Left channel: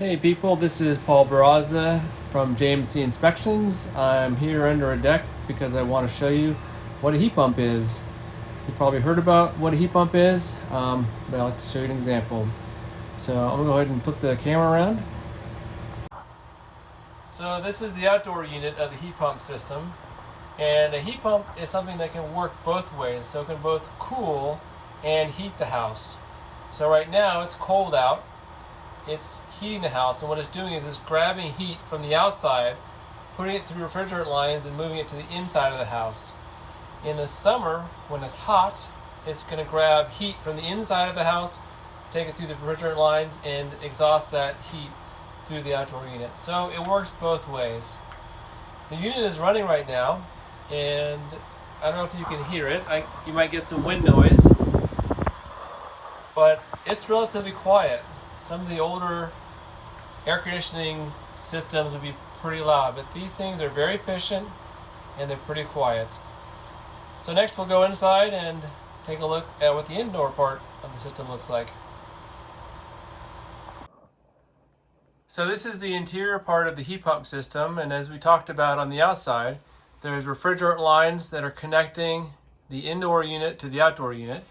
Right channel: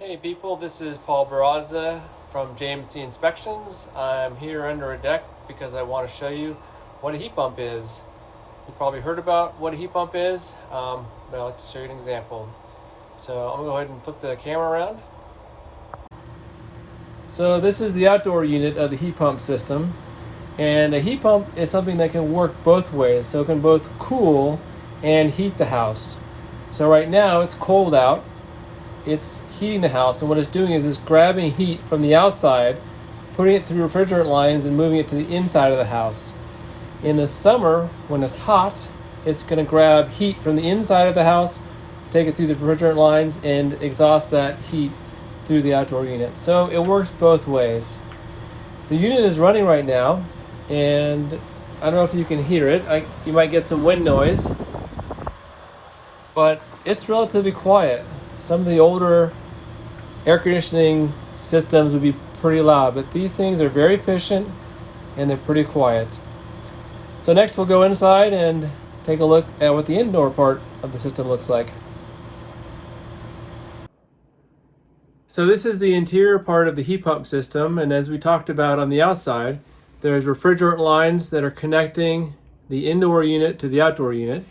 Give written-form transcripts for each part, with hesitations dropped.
Hey people, this is Paul Barraza from JMC Inspections. I'm here under a deck because I want to show you what a heat pump is. You've probably heard about what a heat pump is, but I'd like to show you an example. So I'm going to go ahead and flip the camera around. So this is the outdoor unit of the heat pump system. And a heat pump is something that can work both ways. So it can both cool and heat the house. So right now it's cold out. It's heating the house, and what it's doing is it's grabbing heat from the outside, putting it through refrigerant lines and moving it to the inside of the house. In the summer, when it's hot, it's going to grab heat from the inside of the house, take it through the refrigerant lines, and exhaust that heat through the outdoor unit. So it works both ways. The unit is running right now, and I don't know if you can hear it. You might get some wind noise, but it's relatively quiet. Some of the older air conditioning systems would be pretty loud, but these things are very efficient and they're pretty quiet. So next we'll go inside and take a look at what the indoor part of the system looks like. So this is the interior part of the heat pump system, and as we talked about on the outside, there's refrigerant lines that are connecting the indoor unit to the outdoor unit.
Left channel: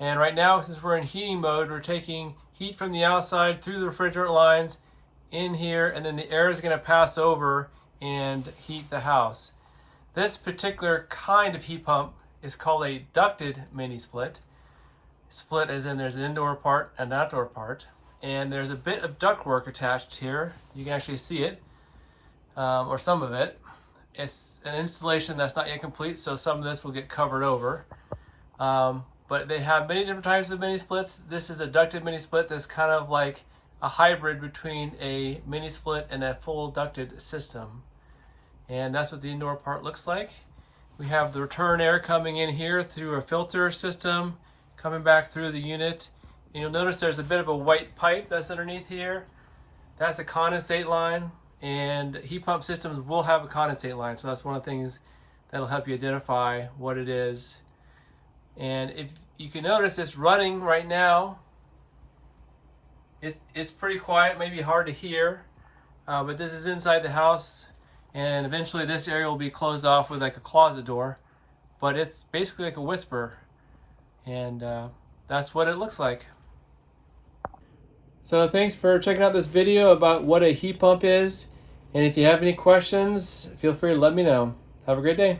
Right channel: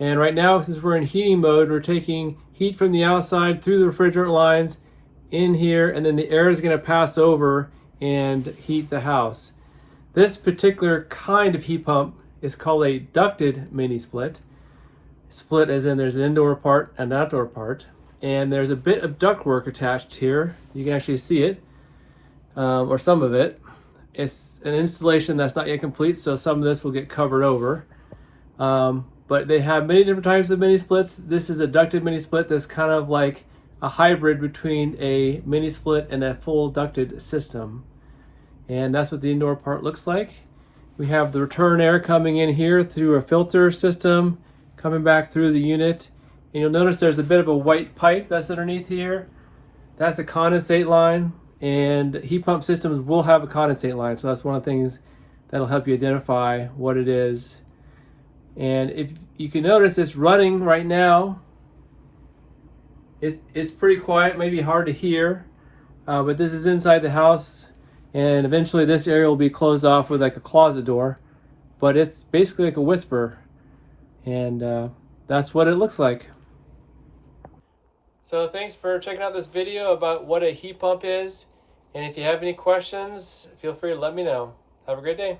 And right now, since we're in heating mode, we're taking heat from the outside through the refrigerant lines in here, and then the air is going to pass over and heat the house. This particular kind of heat pump is called a ducted mini split. Split as in there's an indoor part and an outdoor part. And there's a bit of ductwork attached here. You can actually see it, or some of it. It's an installation that's not yet complete, so some of this will get covered over. But they have many different types of mini splits. This is a ducted mini split that's kind of like a hybrid between a mini split and a full ducted system. And that's what the indoor part looks like. We have the return air coming in here through a filter system, coming back through the unit. And you'll notice there's a bit of a white pipe that's underneath here. That's a condensate line, and heat pump systems will have a condensate line. So that's one of the things that'll help you identify what it is. And if you can notice, it's running right now. It's pretty quiet, maybe hard to hear, but this is inside the house, and eventually this area will be closed off with like a closet door, but it's basically like a whisper, and that's what it looks like. So thanks for checking out this video about what a heat pump is, and if you have any questions, feel free to let me know. Have a great day.